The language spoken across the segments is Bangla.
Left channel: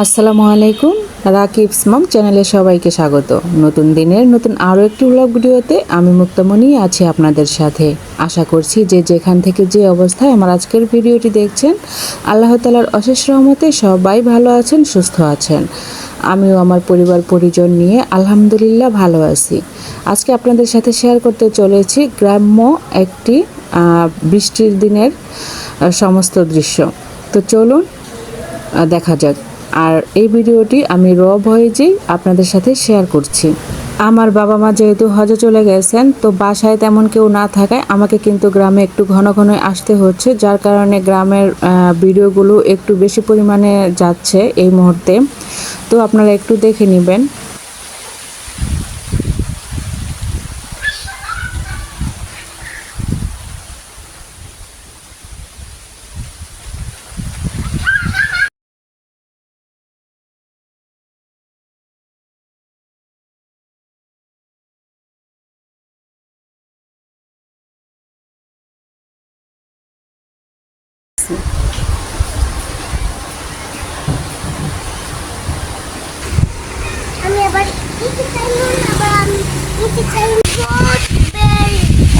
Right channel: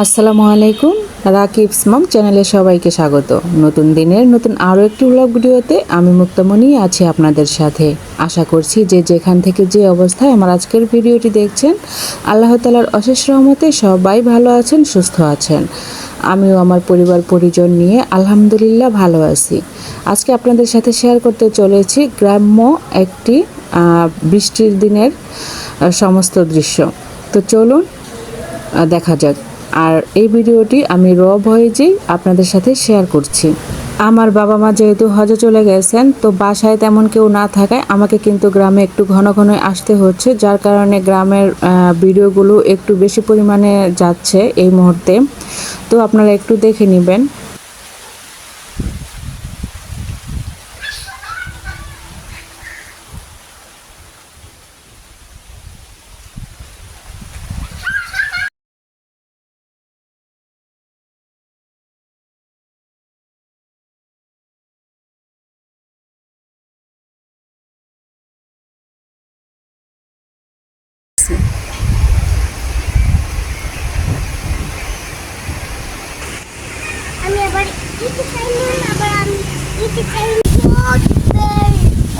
আসসালামু আলাইকুম। রাকিবস মম চ্যানেলে সবাইকে স্বাগত। নতুন দিনের নতুন আরও একটি ব্লগ ভিডিওতে আমি মুক্তামণি আছি আপনাদের সাথে। আশা করছি যে যেখান থেকে যে অবস্থায় আমার আজকের ভিডিওটি দেখছেন, আল্লাহ তাআলার অশেষ রহমতে সবাই ভালো আছেন, সুস্থ আছেন। আমিও আমার পরিবার পরিজন নিয়ে আলহামদুলিল্লাহ ভালো আছি। আজকে আপনাদের সাথে শেয়ার করতে চলেছি গ্রাম্য একটি বৃষ্টির দিনের সমস্ত দৃশ্য। তো চলুন দেখা যাক। আর এই ভিডিওটি আমি র ভয়েজেই আপনাদের সাথে শেয়ার করছি। আমার বাবা মা যেহেতু হজে চলে গেছেন, তো বাসায় তেমন কেউ না থাকায় আমাকে কিন্তু গ্রামে একটু ঘন ঘন আসতে হচ্ছে, যার কারণে গ্রামের ভিডিওগুলো একটু বেশি পরিমাণে যাচ্ছে এই মুহূর্তে। তো আপনারা একটু দেখে নেবেন।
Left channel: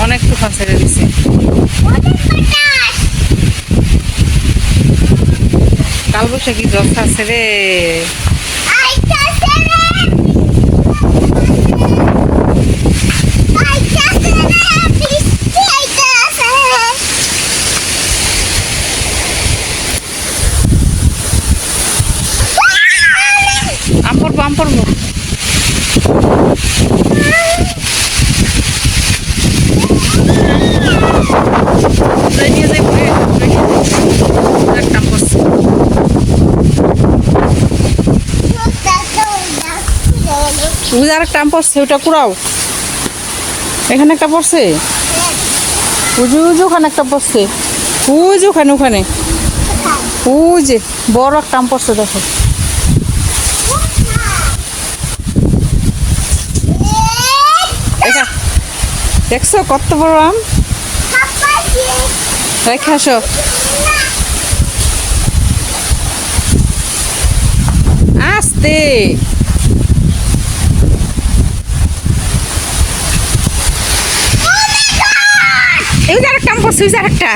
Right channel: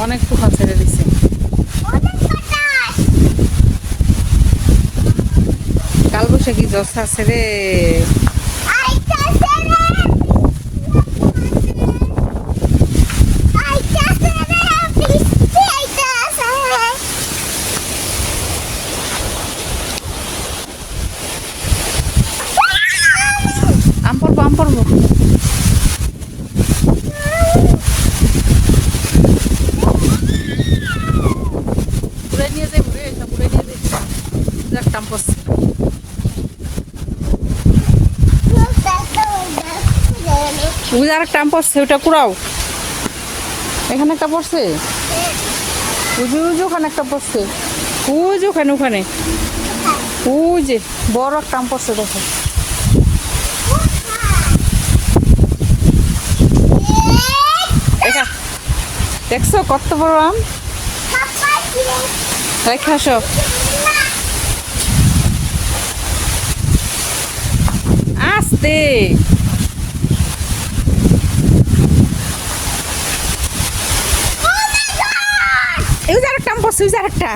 অনেক তুফান ছেড়ে দিছে। কালবৈশাখী ঝড় আছে রে। আম্পর মুখ আরেকটা আম পড়ছে, ওইটা কুড়াও। এখানে একটা পড়ছে, উজু উজু ওখানে একটা পড়ছে, উজু ওখানে ওখানে ওই যে বড় একটা আম পড়ছে, দেখো। দেখছো কত বড় আম? রেখে আসো। আস্তে আরেকটা আম পড়ছে, আরেকটা।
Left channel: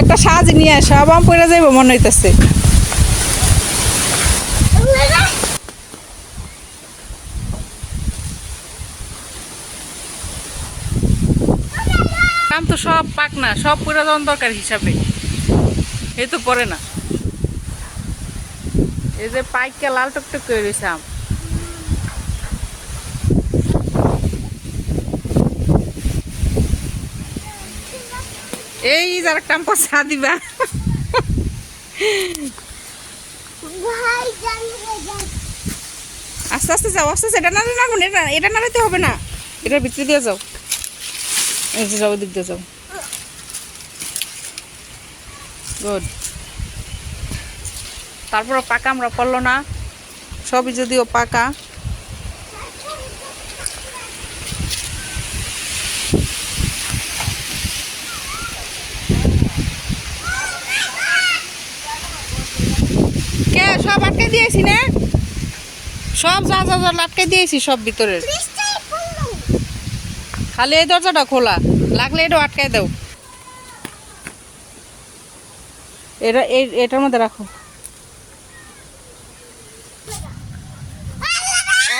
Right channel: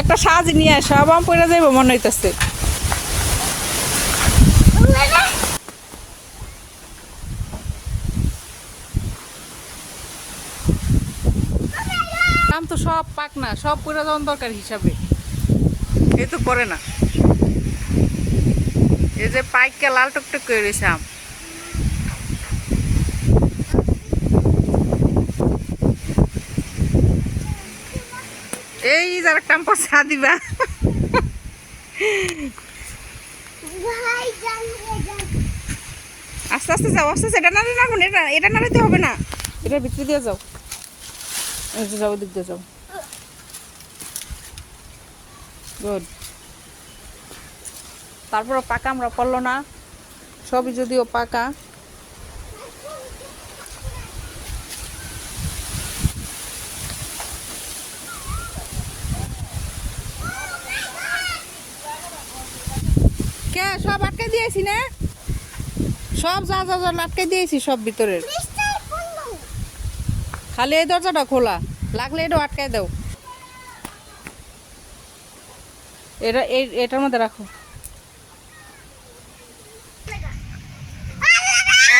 একটা সাজ নিয়ে সব আম পড়ে যাইব মনে হইতেছে। আম তো সব পাক না, সব পুরো যাওয়ার দরকার হিসাবে এই তো পড়ে না। এই যে পাইকা লাল টকটক করে রয়েছে আম। এই যার একটা আম পচা দিবা। আস্তে আস্তে যাও, আস্তে আস্তে। এটা না না এটা নাড়াইতে হবে না, এটার ভিতরে দিয়ে যাও। এই যে যাও, দিক দিয়ে যাও। গুড। তারপর পাকা আমরা পড়লো না, সবই যদিও পাকা। কে সব আটকে দিয়েছি না, সব যা যা যা আটকে দিয়েছি সব ভিতরে। খালি এই দরজাটা খোলা, লাগলে এটা আটকাই দাও। এটার মধ্যে রাখো।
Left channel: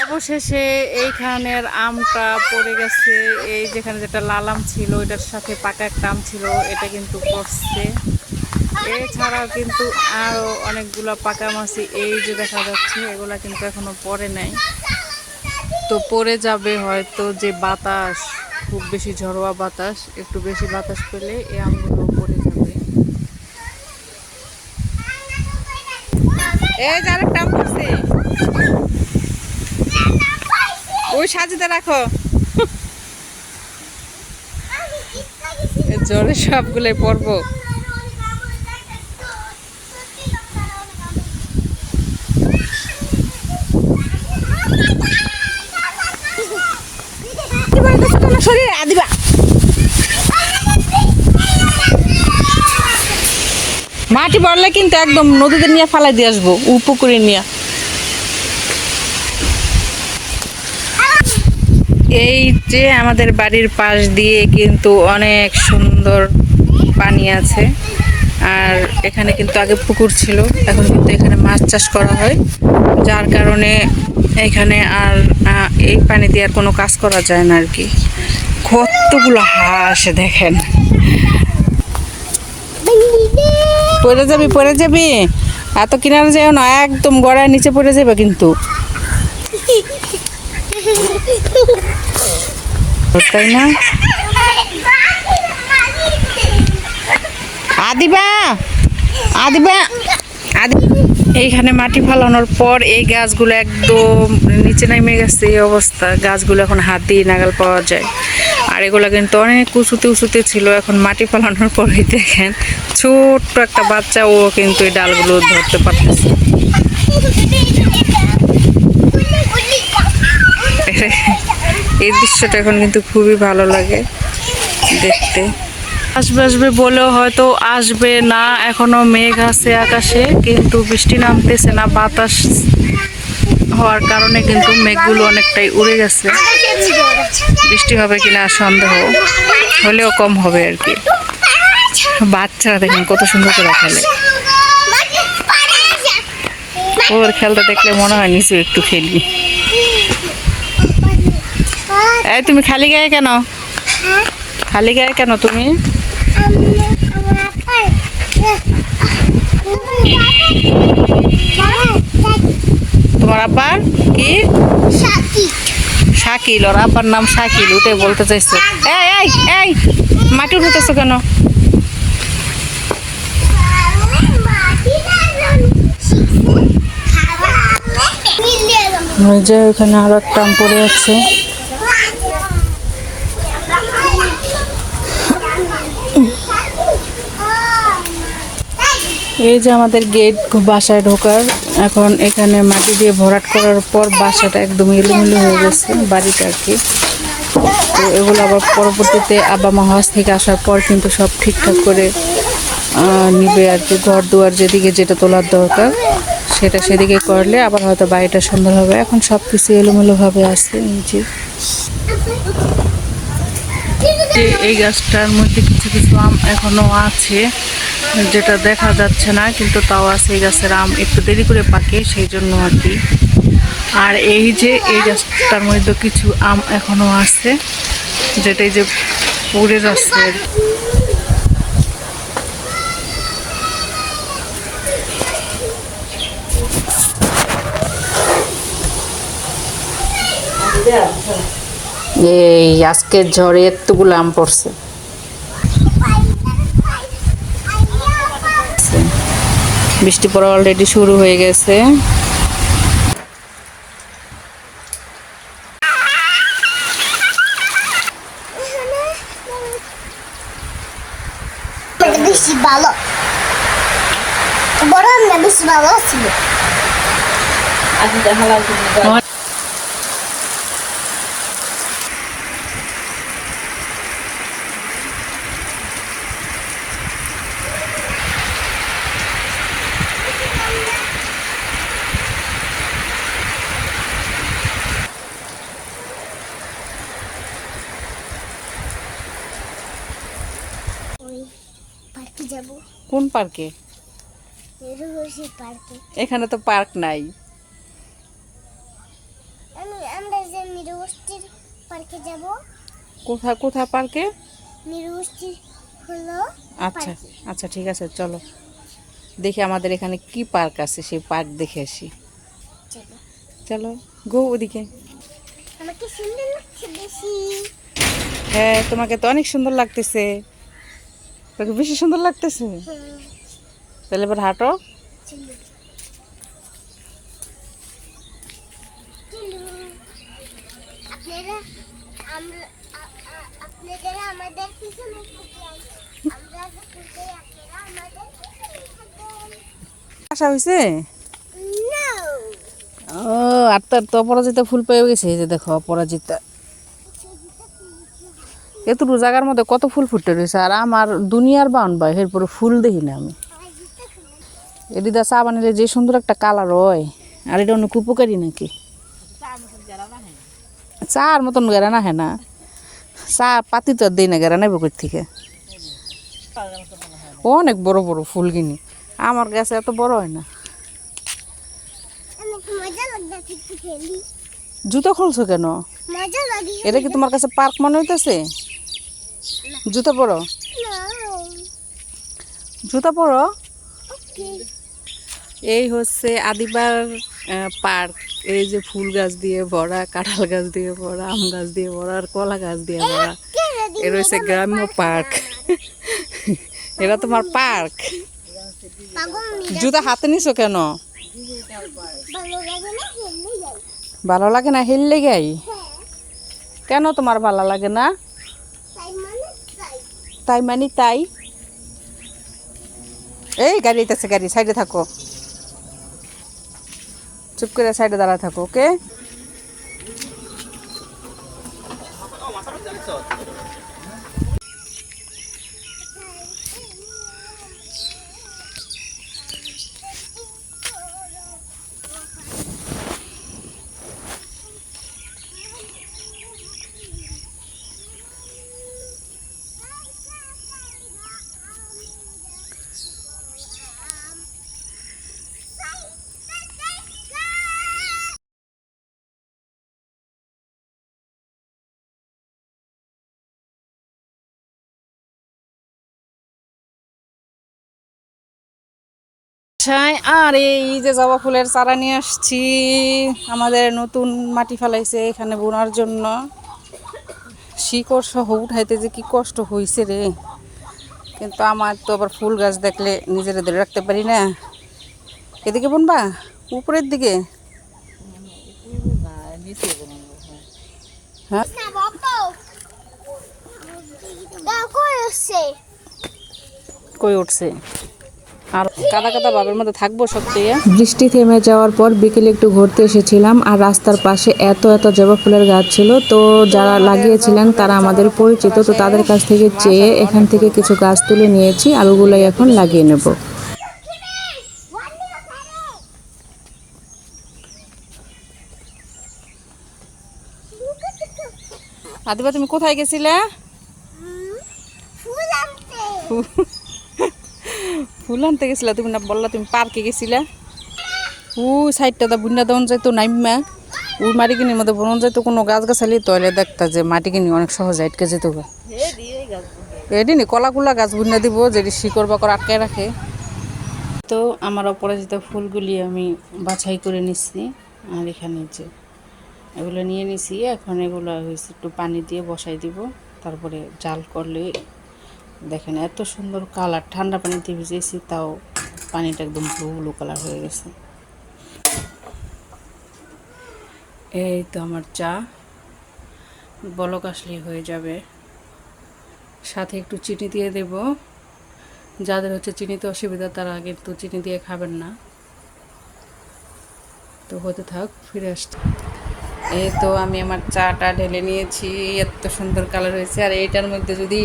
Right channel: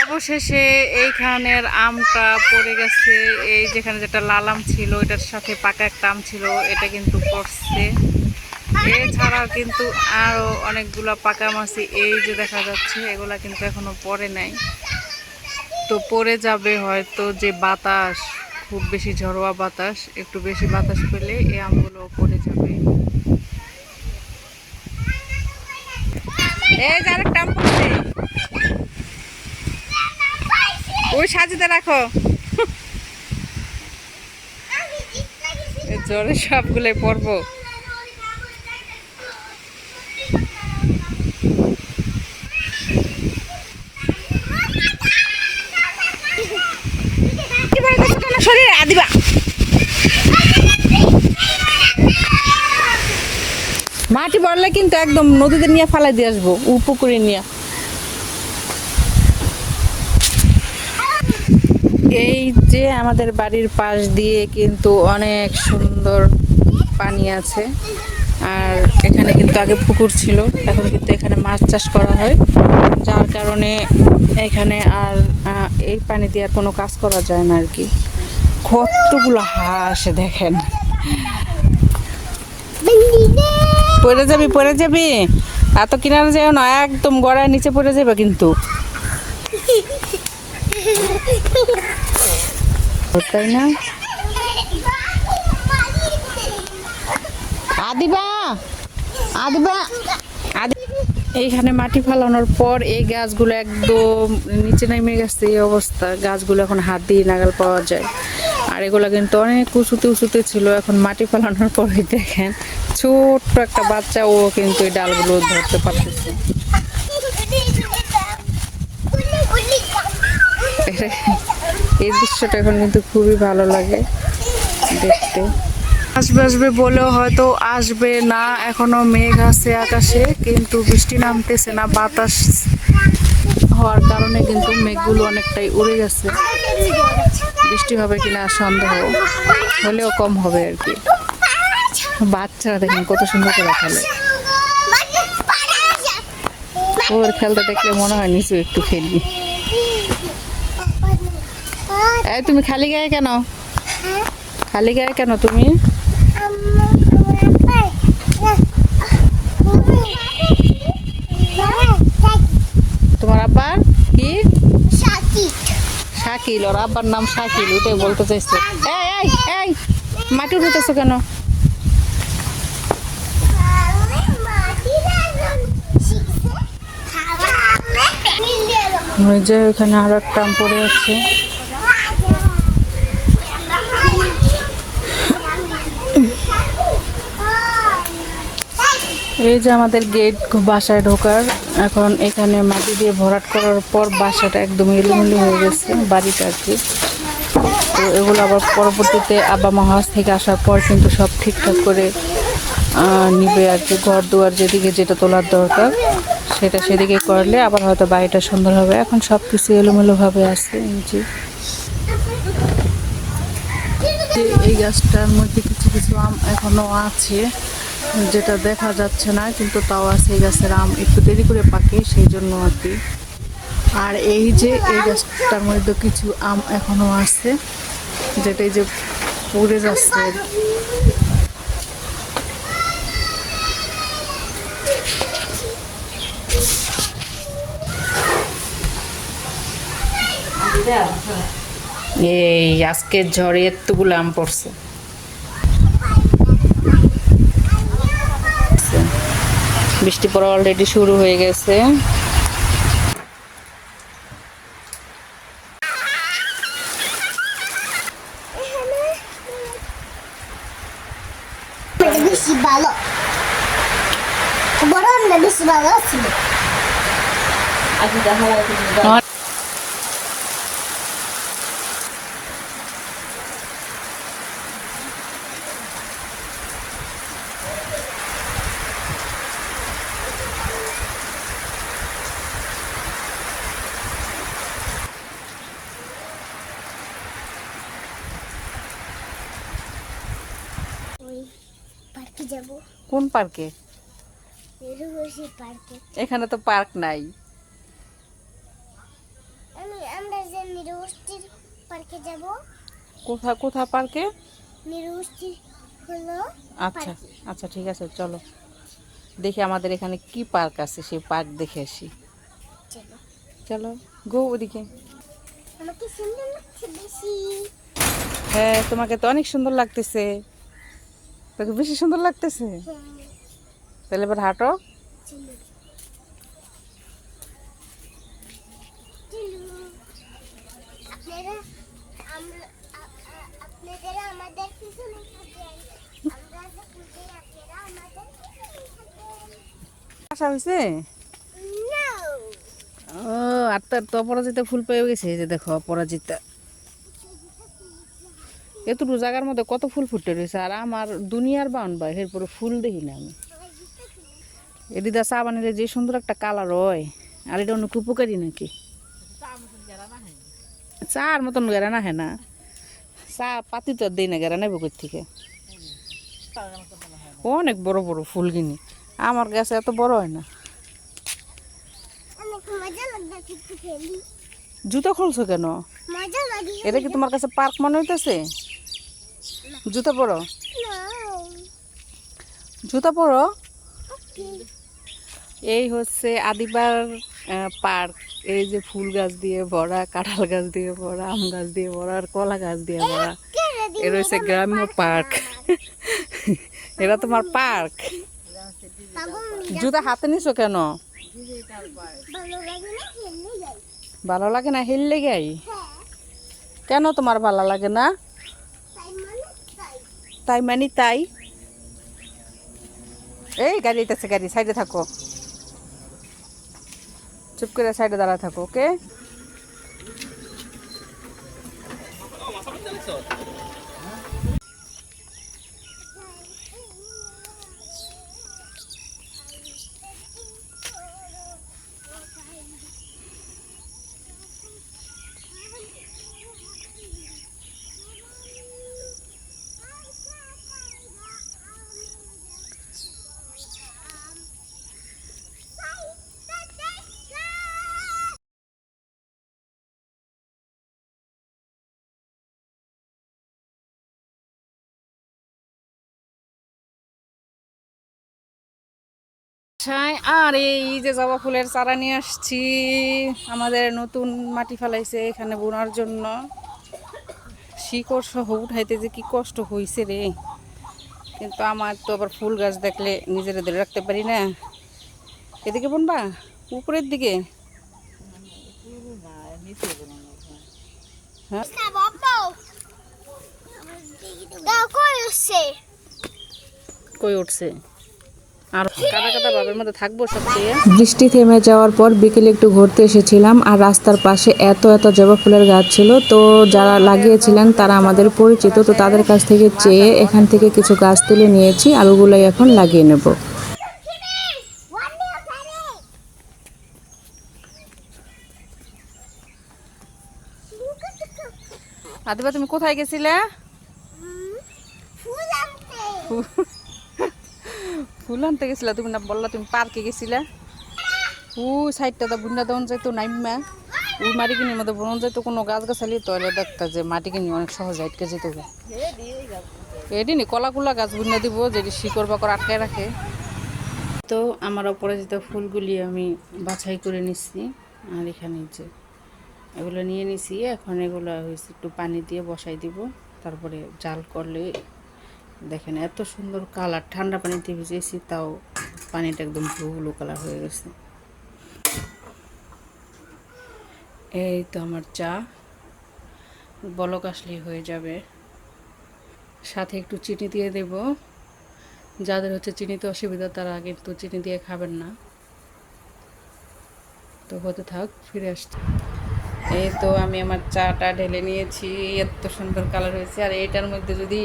অবশেষে এইখানের আমটা পড়ে গেছে। এই যেখানে যেটা লাল আম ছিল এটার সাথে পাকা একটা আম ছিল, এটা কিন্তু পড়ছে। এছাড়াও কিন্তু আরো অনেকগুলো পাকা আম আছে, এই যে দেখা যাচ্ছে, এগুলা কিন্তু এখনো পড়ে নাই। তো পড়ে যাবে হয়তো, যে বাতাস, খুব বেশি ঝড়োয়া বাতাস, একটু বেশি বাতাস পেলে এই আমগুলো পড়ে যাবে। এই যে আরেকটা আম পড়ছে, ওই সাজিতে রাখো। জোরে সবগুলোই পড়বো। করলে কিন্তু একদম নদীতে নিয়ে ফালাই দিয়ে আসবো, পুকুরে নিয়ে। এই যে আমাদের বাড়ির পাশ দিয়ে কিন্তু অনেক সুন্দর পানি আছে। আর এখানে কিন্তু আগে পুকুর ছিল, এখন কিন্তু এখানে মাছ চাষ করা হয়, যার কারণে এখানে আর এই পানি দিয়ে আর কোনো কাজ করা যায় না আর কি। কতগুলো হাঁস দেখেন। পড়ে যাবি এত কিনারে যাও না, একদম গড়ায় নিচে পড়ে যাবে কিন্তু, তাই না? আদিবা এইখানে মাটি ফালানোর পর এই গাছগুলো একদম নিচে নেমে গেছে, এই অবস্থা। গাছগুলো এখন হাত দিয়ে নাগাল পাওয়া যায়। আর এগুলো কিন্তু অনেক উঁচুতে ছিল, এখন মাটি ফালানোর পরেই দেখেন ছোট্ট একটা বাচ্চা, ও কিন্তু এই ডালগুলো ধরতে পারতেছে। এই দৃশ্যটা এখন কিন্তু খুবই ভালো লাগে দেখতে। আসবে বলেও হয়তো আসবে না, এখনো মেঘ আছে আকাশে, কিন্তু বৃষ্টি নামতেছে না। বাতাস হওয়ার কারণে কিন্তু মেঘগুলো অনেকটাই উড়ে গেছে। বৃষ্টি হবে কিনা সন্দেহ, হলেও কম হবে আর কি। বাচ্চারা দেখেন কত সুন্দর করে খেলে, ওর খেলতে দেখলে মনে হয় নিচে একটু খেলি। এই তুমি খালি গায়ে কেন তুমি? তোমার আব্বার কি? শাকিল। ওর আব্বার নাম শাকিল, ওটাই বলতে চাইছো। এই মাটি উঠেছো কেন? ওই যে এখানে আরো একটা পড়ে আছে। এই যে আমাদের গেট বাসায় ঢোকার। এখন এখানে মাটি দিয়ে ভরাট করার পর বাসাটা একদম এলোমেলো হয়ে গেছে, বাড়িটা আর কি। তো এগুলো আবার পরবর্তীতে আব্বা মা হজ থেকে আসার পর কিন্তু সব ঠিকঠাক করে নিবে আর কি। ঘর দুয়ার যেদিকে যেটা তোলার দরকার সেটা সেদিকে করলে আবার হয়তো বাড়িটা সুন্দর হবে। এখন সব কিছু এলোমেলোভাবে আছে। এই গাছটার মধ্যে কিছু কিছু আম এখনো আছে, যেটা দেখা যাচ্ছে না, কিন্তু তাও আছে। এই গাছের আম একটু দেরি করে পাকে, সেই জন্য আর কি। আর এই যে এই গাছটার মধ্যে কিছু আম এখনো আছে, যেটা এই যে পুড়ে যাচ্ছে। এই আজকের ঝড়ে এতগুলো আম পড়ছে। বৃষ্টি পড়া অলরেডি শুরু হয়ে গেছে। বেশি ভালো, বড় না বেশি ভালো ছিল। কোন পার্কে? এখানে তো পার্ক নাই। কোথা পার্কে? আচ্ছা আচ্ছা ঠিক আছে, চলো দেখি আমাদের এখানে কি পার্ক আছে, সেই পার্ক দেখে আসি। চলো গো ওদিকে। হ্যাঁ তোমাকে তো অনেক সুন্দর লাগতেছে, তোকে বেশি সুন্দর লাগতেছে। তাহলে এবার হাঁটো। আসা হয়েছে। ও আর তো অপরাজিতা ফুল পেয়ে গেছে। এই যে দেখো অপরাজিতা, এতটুকু জায়গার মধ্যে কত ফুল ফুটে রয়েছে। আর আমার দুনিয়ার বাউন বা এরপরে ফুল দেখি না আমি। এদিদা চা বানালে যে সুন্দর একটা কালার হয়, আর এটা অনেক উপকারী নাকি? চার মতন গেরা না হ্যাঁ না, চা পাতি তো আর দেই না, গেরা নেবো কই থেকে? অনেক বড় বড় ফুল কিনি, আমার গাছে এত বড় হয় না। অনেক মজা লাগছে একটু খেলি। জুতো খুলছো কেন? মজা লাগে। এটা কি তোমার কাছে পার্ক মনে হইতেছে? জুতো পরো, জুতো পরো। ওকে। এই হচ্ছে আদিবার পার্ক। এই যে ফুল গাছ দিয়ে ভরা, কাঁঠাল গাছ দিয়ে ভরা, আম গাছ দিয়ে ভরা, আর কলা গাছ দিয়ে ভরা। এটা হচ্ছে গ্রাম্য পার্ক। এটা তোমার পার্ক। জুতা হাতে নিছো কেন? ভালো লাগে না হেললে গাই? কেন তোমার ভালো লাগে না? তাই মানে তাই। এই গাড়ি আইতেছে, গাড়ি সাইডে থাকো, চুপ করে সাইডে দাঁড়ায় থাকো, ওকে? আর এই যে জবা ফুলের চারা নিয়ে আসছি, আমাদের নতুন মাটি ফেলাইছে এখানে বোনার জন্য। শিকড় সহ উঠাইতে যে কি কষ্ট হয়েছে রে, কিন্তু আমার তো আবার ফুল গাছ দেখলে নিজের ধরে রাখতে পারি না। এদিকে বুনবা উপরের দিকে? হ্যাঁ, কই উঠছে? আর কাদা কাদা বাবের মধ্যে থাকবো সবচেয়ে। বৃষ্টি থেমে যাওয়ার পর বিকেলে একটু ঘুরতে এসেছিলাম, আর রাস্তার পাশে এত এত জবা ফুলের গাছ ছিল, তো যারা লাগিয়েছিলেন তারা আমাদের পরিচিত, তো তাদের কাছ থেকে চেয়ে এখান থেকে কিছু গাছ তুলে নিয়েছি, আর ওগুলোই এখন লাগিয়ে নেব। আদিবা তুমি কোথায় গেছিলে? ফুল আনতে গেছিলা? তুমি না বললা তুমি পার্কে গেছিলা? ওই সাইডটা দা বুন্না দেওয়ান যাইতো নাইমা, ওই মাটি কিনির মধ্যে বনন যাইতো কোনো গাছ গাছালি, তৈলে দেখতা যে মাটি কিনি অনেক সহজ আটকে যেত। এটি নি কলাকুলা গাছ বুন্না দিব, যেটি শিকড় বাকড় আটকে রাখে। তো আমার অপরাজিত ফুলগুলি আমি বাছাই করে নিচ্ছি, আর এখানে যে এগুলো নিয়ে নিছি, এখন এগুলো হয়েছে একটু পানি দিয়ে বসাই দিব, তারপরে জাল করলে দেখেন এত সুন্দর কালার। ঠান্ডা পানিতে ভিজেছি, তাও পানিটা একদম ব্লু কালার হয়ে গেছে। এই তো আমার চা বলক আসলে হয়ে যাবে, সাথে একটু চিনি দিয়ে দেব। যাদের হচ্ছে চিনিতে অসুবিধা তারা কিন্তু চিনি দিয়ে খাবেন না। তো হতে থাক, ফিরে আসতে। এই তো আমি আমার চাটা ঢেলে নিয়েছি, এত সুন্দর কালার হয়েছে। আর এইটার মধ্যে যদি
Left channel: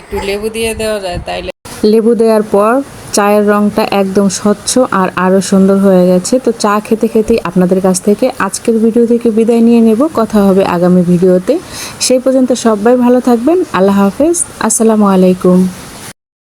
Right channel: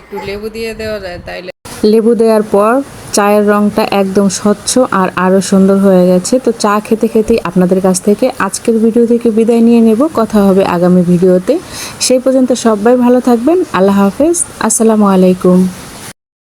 একটু লেবু দিয়ে দেওয়া যায় তাইলে। লেবু দেওয়ার পর চায়ের রঙটা একদম স্বচ্ছ আর আরও সুন্দর হয়ে গেছে। তো চা খেতে খেতেই আপনাদের কাছ থেকে আজকের ভিডিও থেকে বিদায় নিয়ে নেব। কথা হবে আগামী ভিডিওতে। সেই পর্যন্ত সবাই ভালো থাকবেন। আল্লাহ হাফেজ, আসসালামু আলাইকুম।